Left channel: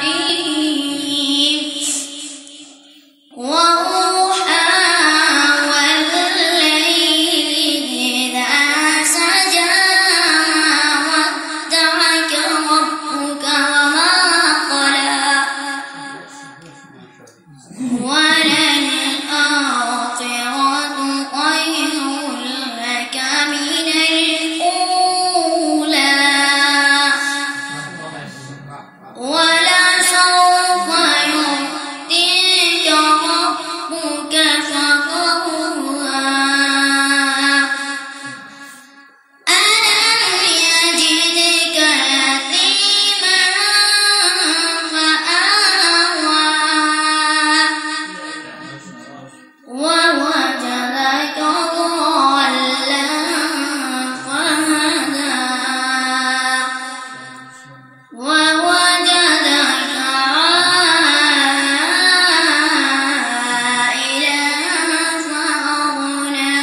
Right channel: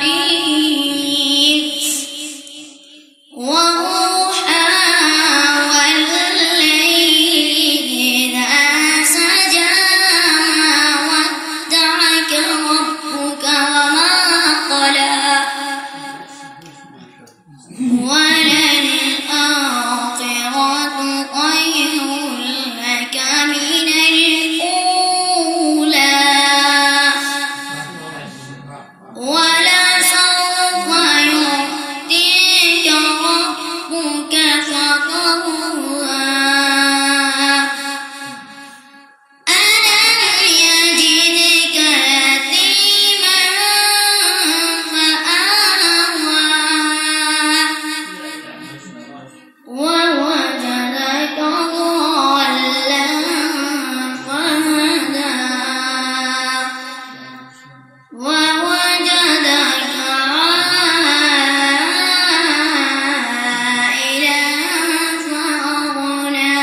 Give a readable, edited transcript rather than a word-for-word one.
Bismillahirrahmanirrahim. Wadduha wal-laili idza saja wadda'aka rabbuka wa ma qala walal-akhiratu khayrun laka minal ula walasawfa yu'tika rabbuka fatarda alam yajidka yatiman fa'awa ووجدك ضالا فهدى ووجدك عائلا فأغنى